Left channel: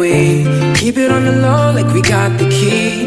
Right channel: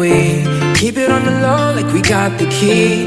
we keep it on the low like we got the key.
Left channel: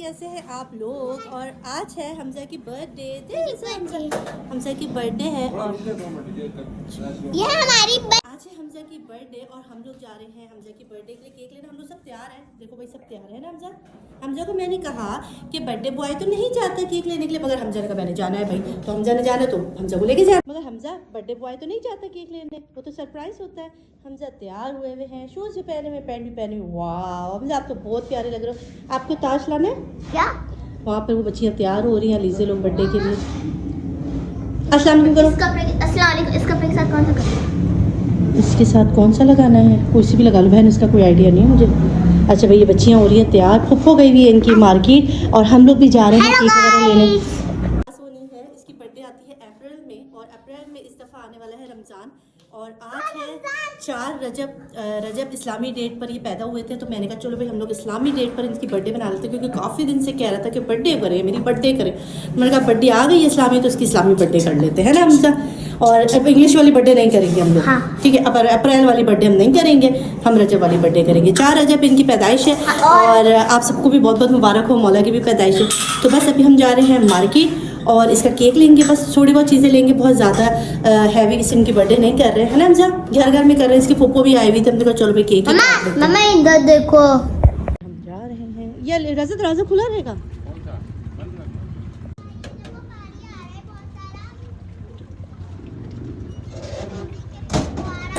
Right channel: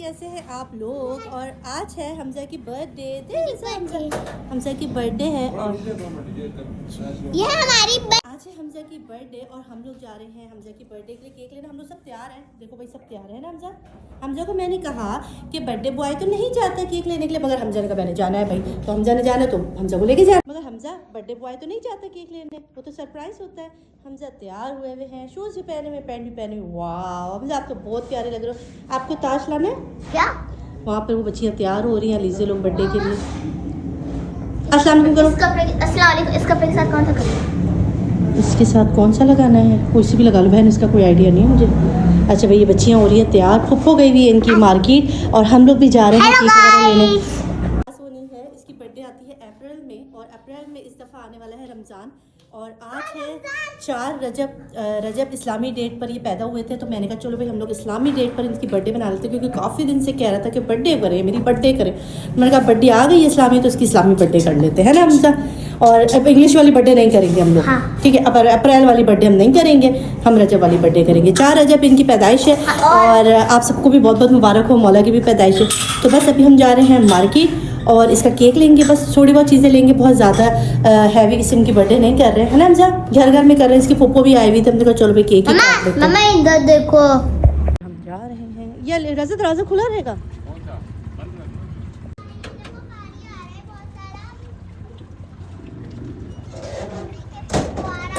कैसे हैं आप लोग? और आज है हमजा की बर्थडे। हमजा की बर्थडे है और ये हमारी आज है हमजा की बर्थडे और हम लोग जा रहे हैं हमजा की बर्थडे के लिए केक लेने। हम लोग सब तैयार हैं, देखो भाई सब तैयार है ना। हमजा को मैंने कहा कि बर्थडे बॉय तो नहीं चाहता केक लेने के लिए, मगर हमजा ने कहा मैंने जाना है भाई, तो हमजा ने जाना तो हमजा को लेके जाना। मगर हमजा बर्थडे बॉय तो नहीं चाहता केक लेने, वो तो सरप्राइज होता है। हमजा तैयार हुए हुए हैं, शूज भी पहने हुए, पैंट भी पहने हुए। वाह हमजा आप तो बहुत प्यारे लग रहे हो। आपको ताज लाना है क्या? वहाँ पर वो बच्चियाँ तैयार हो रही हैं लीजे लोग बर्थडे के लिए। अस्सलाम वालेकुम करो। अस्सलाम वालेकुम। इस कपड़े के साथ कौन सा करना है? इसके साथ कौन सा लगाना है? कोई सी भी लगा लो बहन, इसका कोई आइडिया नहीं है मुझे। अच्छा भाई ये बच्चियाँ हो रही है तैयार, फुफ्फो गई हुई है इनकी मार्केट और हम लोग भी जा रहे हैं लेने। सोनी है, इसकी बर्थडे आती है अप्रैल में और अप्रैल में इस दफ़ा आने वाला है रमज़ान। और आज है 4 रजब इस्लामी डेट पर ये पैदा हुए थे, तो मैंने कहा चलो भाई हम लोग इस्लामी डेट पर इनकी बर्थडे बना लेते हैं, क्योंकि काफ़ी दिन से कह रहा था कि बर्थडे करे, मेरी बर्थडे करे। मैंने कहा बर्थडे आ गई इस्लामी तो इसकी इस्लामी बर्थडे कर लेते हैं ना हमजा। और अब इंग्लिश वाली बर्थडे नहीं करेंगे हम लोग, ठीक है। अब अप्रैल वाली बर्थडे हम नहीं करेंगे, हम रजब वाली बर्थडे करेंगे। 4 रजब इनकी पैदाइश है और आप सबको भी बहुत बहुत मुबारक हो, मौला की भी पैदाइश है। तो बस अभी हम जा रहे हैं मार्केट और इसका केक लेंगे, बस थोड़ी बहुत चीज़ें लेंगे, बहुत ज़्यादा हैवी किसी इनकी बर्थडे नहीं कर रहे हैं ना हमजा, घर घर में कर रहे हैं। इसकी पप्पो भी आई हुई थी, हमने कहा चलो भाई केक ही काट लेते हैं। मम्मा इधर देखो, हम जा रहे हैं। ये दरवाजा खुला रहेगा।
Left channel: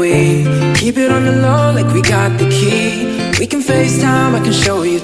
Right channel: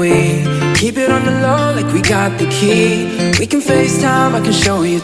we keep it on the low like we got the key. We can FaceTime, I can show you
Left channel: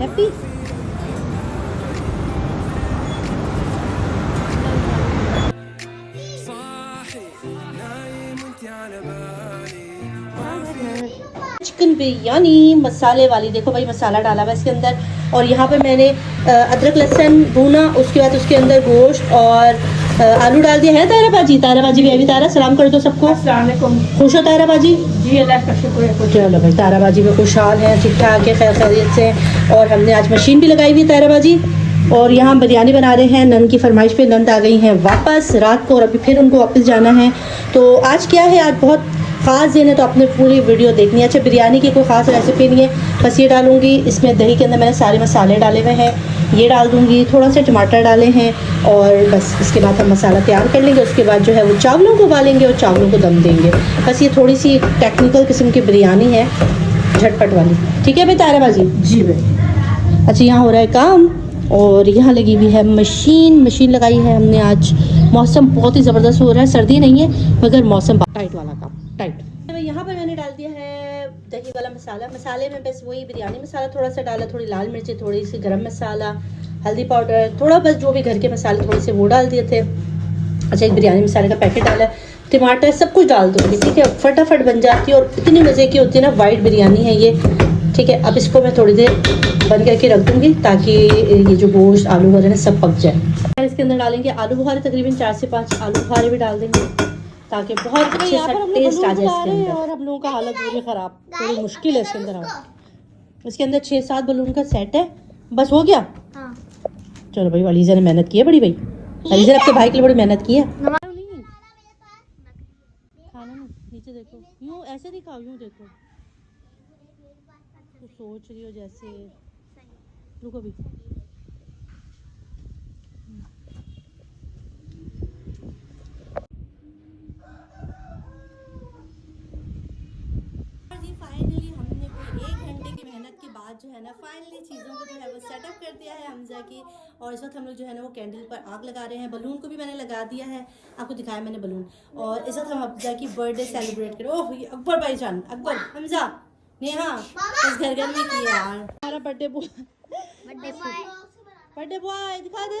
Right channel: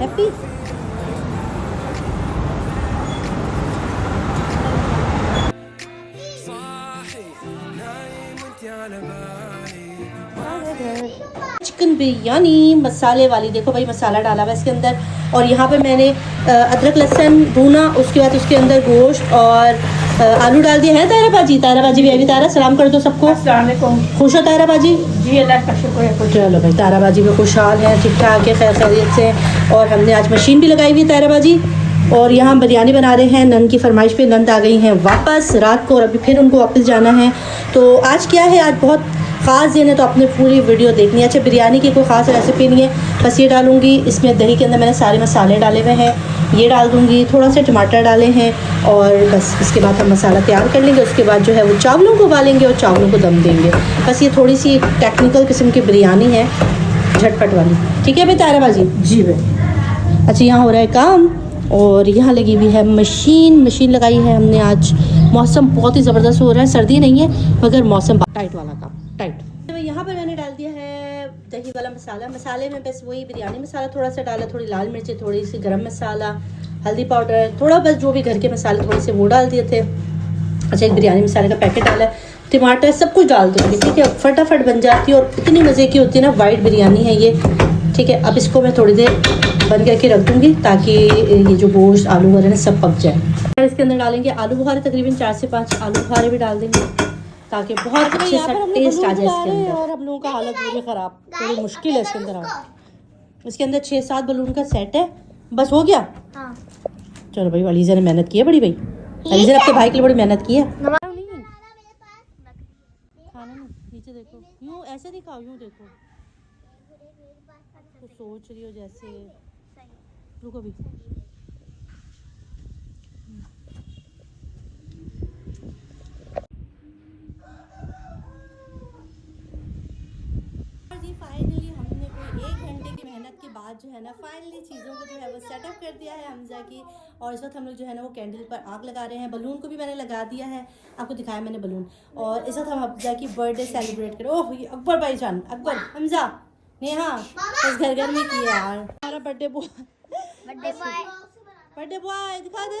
happy chicken biryani मसाले वाली। देखो भाई मसाला डाला हुआ इसके अंदर और यहाँ पे मैंने अदरक लहसुन भूना, उसके बाद उसके अंदर गोश्त और आलू डाल दिया है। तारा बाजी भी अभी तारा सलाम कर दो सबको। खुश हो तारा बाजी? जी अल्लाह का शुक्र है। चलो भाई तारा बाजी भी खुशहाल है, ठीक ठाक है, खैर खैरियत से। और हमने आज मशीन भी लगाई हुई है तारा बाजी और यहाँ बिरयानी बना रहे हैं। नन की फरमाइश पे नंद आ गई हैं वापस रात को और अभी फिर उनको वापस जाना है। तो आज क्या है, आज बहुत ख़ास दिन है, तो आपने पूरी वीडियो देखनी है। अच्छा बिरयानी की कोई ख़ास रेसिपी नहीं है, बस ये डालूंगी इसमें दही के अंदर मैंने सारे मसाले डाले हुए हैं, ये डाल दूंगी, थोड़ा सा टमाटर डाले हैं और बस इसके बाद हम मसाला तैयार कर लेंगे। उसके बाद जो है वो चावलों को उबालेंगे और चावलों को दम देंगे। बस ये थोड़ी सी टेक्निकल किस्म की बिरयानी है, झटपट वाली, ठीक है भाई ताराबाजी? जी भाई। अच्छा यहाँ हो रहा है काम और यहाँ लगी हुई है मशीन लगाई है हमने आज मौसम बहुत ही ज़बरदस्त हो रहा है, सर्दी नहीं है मगर मौसम टाइट वाला था, टाइट। तो यहाँ पर मैंने डाल दिया है दही वाला मसाला। मसाले में बस वही बिरयानी मसाला थोड़ा सा डाला, थोड़ी लाल मिर्ची, थोड़ी सी गरम मसाला, हल्दी पाउडर, थोड़ा बस जो भी घर के मसाले थोड़े से वो डाल दिए थे। अच्छा, एक बिरयानी मसाले का पैकेट डाला है, टमाटर, सब कुछ डाल दूँगी, ठीक है। फटाफट बन जाती है और इतनी मज़े की होती है ना, वाइट बिरयानी है ये, ठीक है। अब इसको मैं थोड़ी देर बंद करके रख दूँगी ताकि ये जो गोश्त आलू वगैरह ना सब पक जाए। और इसके अंदर डालेंगे आलू बुखारे, तकरीबन 4 से 5 आलू बुखारे भी डाल देंगे ताकि बहुत अच्छे सा टेस्ट आ जाए इसके अंदर। और हम लोगों का हालत पूरी ख़राब, थोड़ी मुश्किल है इसके अंदर। इसके अंदर 6-7 बलून का सेट है, बस हो गया। हाँ। चलो भाई, अलीजा ने मेहनत की है बड़ी भाई, अलीजा ने अपने भाई के लिए बड़ी मेहनत की है। खाना नहीं, नीचे देखो, यूँ ऐसे नहीं खाओ, यूँ देखो, तो सोच रही हो जैसे, रुको भी। फाइनली हमने कोई 1 घंटे की मेहनत के बाद जो है ना, फाइनली चीज़ों को जो है वो सेटअप कर दिया है हमजा की। और इस वक्त हम लोग जो है ना वो कैंडल पर आग लगा रहे हैं। बलून को भी मैंने लगा दिया है, आपको दिखाया मैंने बलून। और इस वक्त हम हमजा की बर्थडे सेलिब्रेट करें। ओह ये अकबर भाईजान, अकबर, हमजा, नेहा, बस घर घर में किया यार हमारा बर्थडे बॉय। बर्थडे बॉय दिखा दे।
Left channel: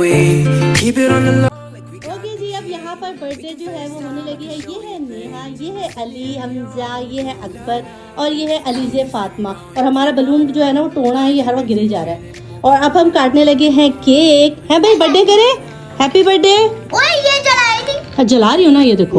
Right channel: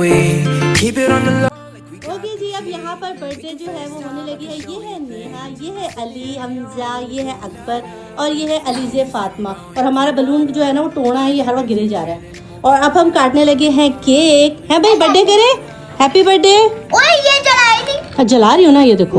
we keep it on the low like we got जी, अब यहाँ पर बर्थडे जो है वो होने लगी है। ये है नेहा, ये है अली, हमजा, ये है अकबर और ये है अलीजे फातिमा। और हमारा बलून जो है ना वो टोना है, ये हर वक्त गिरे जा रहा है। और अब हम काटने लगे हैं केक। है भाई, बर्थडे करे, हैप्पी बर्थडे। ओए ये जलाई नहीं। हाँ, जला रही हो ना, ये देखो।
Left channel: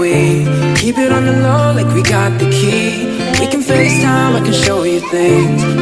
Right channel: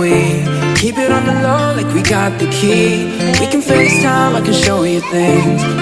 we keep it on the low like we got the key we can FaceTime I can show you things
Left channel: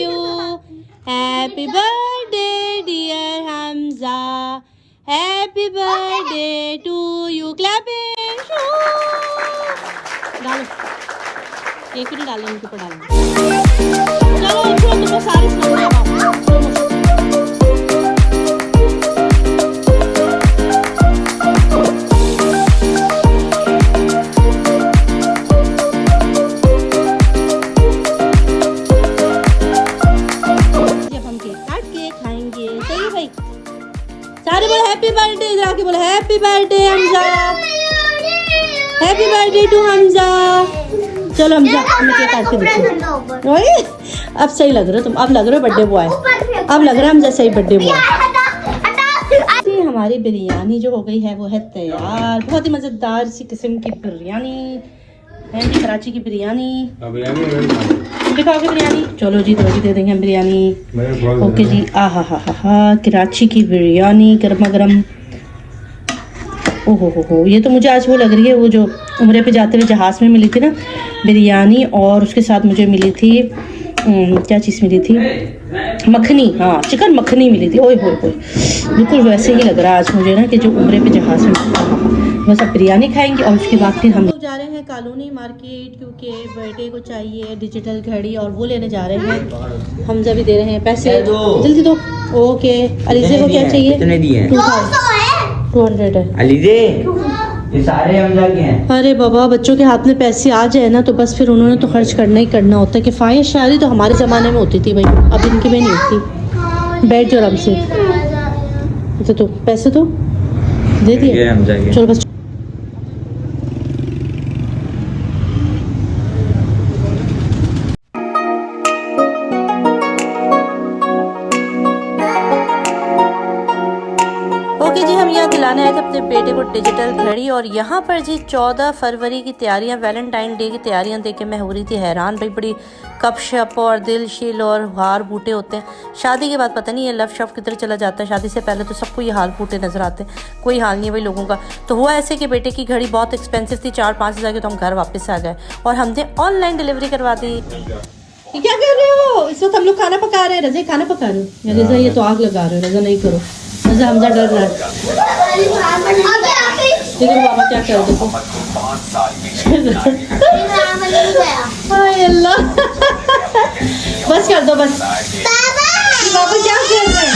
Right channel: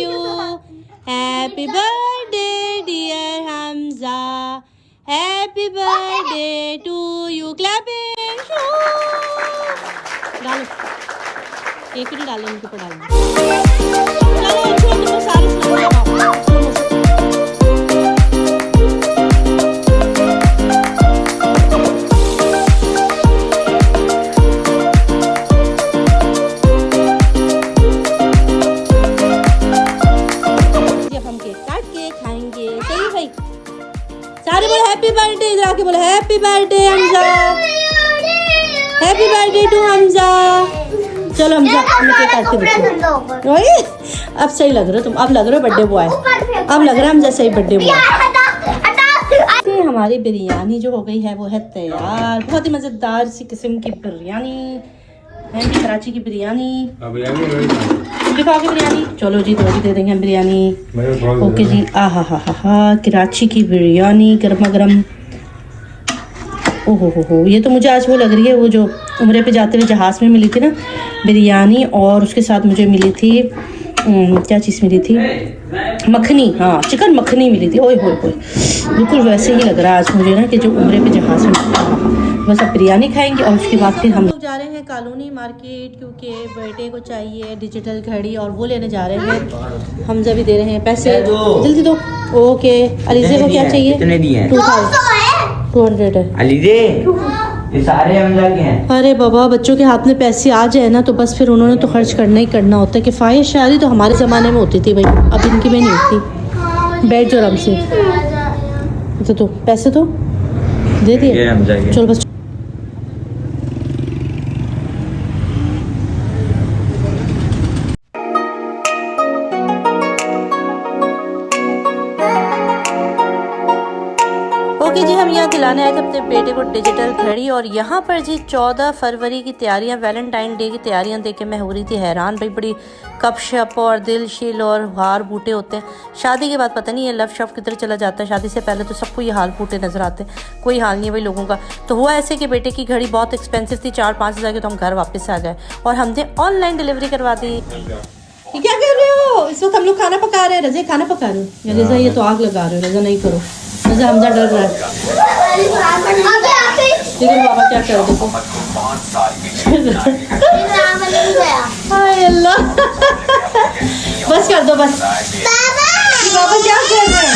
you, happy birthday dear Hamza, happy birthday to you, clapping, डालो केक नहीं डालो, उनके ऊपर डालो, तुम सारे हैप्पी बर्थडे जाके बोले happy birthday Hamza, happy birthday to Hamza. चलो हमजा, अब सही लग रहे हो तुम, अब लग रहे हो बर्थडे बॉय, अब लग रहा है हमजा सही बर्थडे बॉय। हमारी बिरयानी जो हो गई है वो है तैयार। बहुत ही मजेदार सी किस्म की बिरयानी है, कराची की बिरयानी। बिरयानी चलो जी, तो दे देंगे हम बिरयानी। ओके जी, आ हा हा हा, कराची की बिरयानी गर्मा गर्म। ओहो ये तो मुझे आज वो लग रही है, वो जो उम्रे पे जाते हुए जहाज़ में मिली थी ना बिरयानी, और उसके साथ मुझे मिली थी क्या चीज़ मिली थी, मखनी। हाँ, चिकन मखनी मिली थी। ओए हो, बिल्कुल वैसे ही लग रहा है आज मुझे ना कि जो उम्रे पे जहाज़ में बस बिरयानी खाएंगे और उसके बाद फिर हम लोग जा रहे हैं कॉलोनी मार्केट, क्योंकि बर्थडे को चाहिए डिजिटल घड़ी और वो लेने जा रहे हैं। हमजा भी दे रहे हैं पैसे, जल्दी दो। ओके, अलीजे को क्या चाहिए? 200 है अलीजे, ये सारे हमजा के हैं। अरे बाबा, बच्चों के हाथ में पैसे आ जाए ना तो बस फिर उन्होंने तो खर्च करना ही करना होता है। किफ़ायत शायरी तो हमारे ज़माने में होती थी भाई, अब इनकी में नहीं होती। बैठ जाओ आराम से, तो पैसे तो दे दिए, चलो बस। ओके जी, हम हम यहाँ दिलाने आए थे अपने बेटे को डिजिटल घड़ी और यहाँ पर जी 14 फरवरी की तैयारियाँ, वैलेंटाइन डे की तैयारियाँ देख के मैं हो रही थी हैरान। भाई बड़ी कपशप और दिल शील और हार बूटे होते हैं। शादी के बाद पता नहीं ये लव शव किधर चला जाता है। शादी से पहले तो सबको ये हाल बूटे नजर आते हैं, कोई हाल नहीं है भाई लोगों का। तो हुआ ऐसे कि बेटे की घड़ी बहुत एक्सपेंसिव थी, 4-5 हज़ार की, तो हम घर वापस आ गए और हमने ऑनलाइन डिलीवरी करवा दी। क्या कर रहे हो? इस वक्त हम लोग खाना पका रहे हैं। रज़ा खाना पका रहे हैं। रज़ा ये तो आग लगा रहे हो। रज़ा नहीं करो, रज़ा अंदर डर रहा है। लेकिन बाबा क्या कर देखो। हाय अल्लाह, बस कर दो बस। बाबा क्या कर रहे हैं?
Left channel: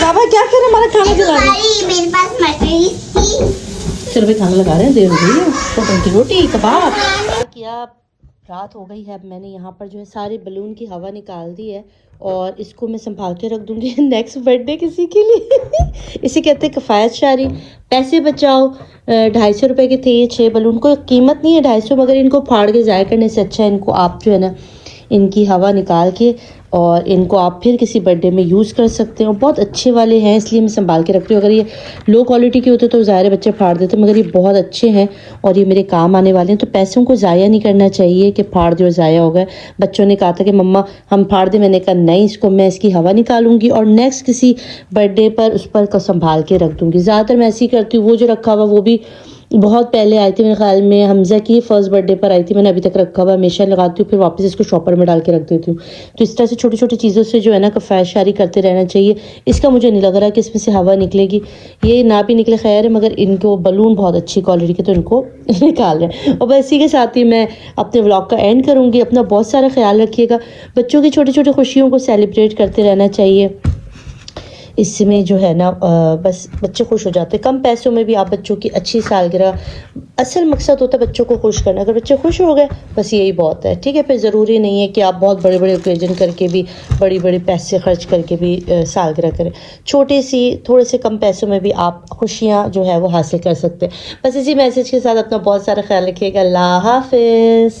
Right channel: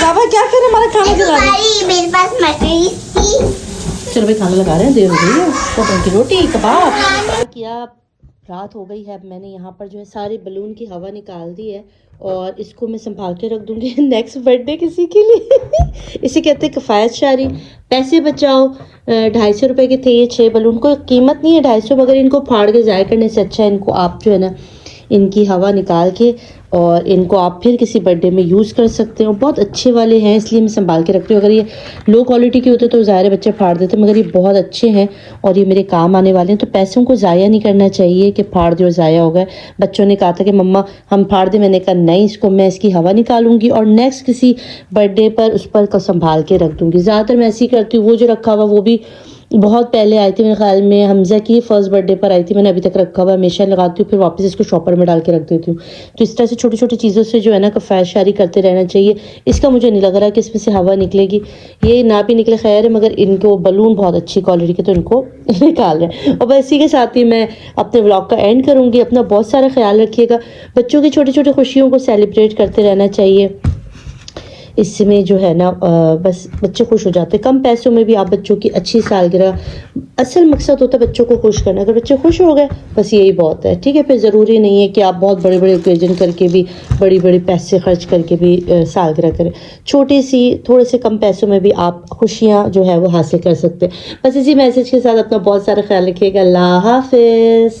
बाबा क्या कर रहे हैं? हमारा खाना खिला रहे हैं। मेरे पास मटर थी। चलो भाई खाना लगा रहे हैं, देर हो गई है। पकोड़े की रोटी, कबाब किया। रात हो गई है। अब मैंने यहाँ पर जो है सारे बलून की हवा निकाल दी है और इसको मैं संभाल के रख दूँगी नेक्स्ट बर्थडे किसी के लिए। इसे कहते हैं किफ़ायत शारी, पैसे बचाओ। 250 रुपये के थे ये 6 बलून। को कीमत नहीं है 250, मगर इनको फाड़ के ज़ाहिर करने से अच्छा है इनको आप जो है ना इनकी हवा निकाल के और इनको आप फिर किसी बर्थडे में यूज़ कर सकते हो। बहुत अच्छे वाले हैं इसलिए मैं संभाल के रखती हूँ। अगर ये लो क्वालिटी के होते तो ज़ाहिर बच्चे फाड़ देते, मगर ये बहुत अच्छे हैं और ये मेरे काम आने वाले हैं। तो पैसों को ज़ाया नहीं करना चाहिए कि फाड़ दो ज़ाया हो गए। बच्चों ने कहा था कि मम्मा हम फाड़ दें, मैंने कहा नहीं, इसको मैं इसकी हवा निकालूंगी और नेक्स्ट किसी बर्थडे पर उस पर को संभाल के रख दूँगी। ज़्यादातर मैं ऐसे ही करती हूँ। वो जो रखा हुआ वो भी बहुत पहले आई थी, मेरे ख्याल में हमजा की फर्स्ट बर्थडे पर आई थी। मैंने अभी तक रखा हुआ, हमेशा लगाती हूँ, फिर वापस इसको शॉपर में डाल के रख देती हूँ। तो इस तरह से छोटी छोटी चीज़ों से जो है ना किफ़ायत शारी करते रहना चाहिए। इसका मुझे नहीं लग रहा कि इसमें से हवा निकलेगी, ये ना भी निकले खैर है, मगर इनको बलून बहुत अच्छी क्वालिटी के तो इनको निकाल रहे हैं। और बस इसी के साथ ही मैं अपने व्लॉग का एंड करूँगी। अपना बहुत सारा ख्याल रखिएगा। बच्चों की छोटी छोटी खुशियों को सेलिब्रेट करते रहना चाहिए। इसमें जो है ना बस बच्चे खुश हो जाते हैं। कम पैसों में भी आप बच्चों की अच्छी सालगिरह, असल मकसद होता है बच्चों को खुश करना। अगर बच्चे खुश हो गए बस यही बहुत है, ठीक है। फिर ज़रूरी नहीं है कि आप बहुत बड़े बड़े ओकेजन करके भी, बड़ी बड़ी पैसे खर्च करके भी सालगिरह करें। छोटी सी थोड़े से कम पैसों में भी आप खुशियाँ जो है वो हासिल कर सकते हैं। बस इसी मैसेज के साथ अपना बहुत सारा ख्याल रखिएगा। अल्लाह हाफिज़।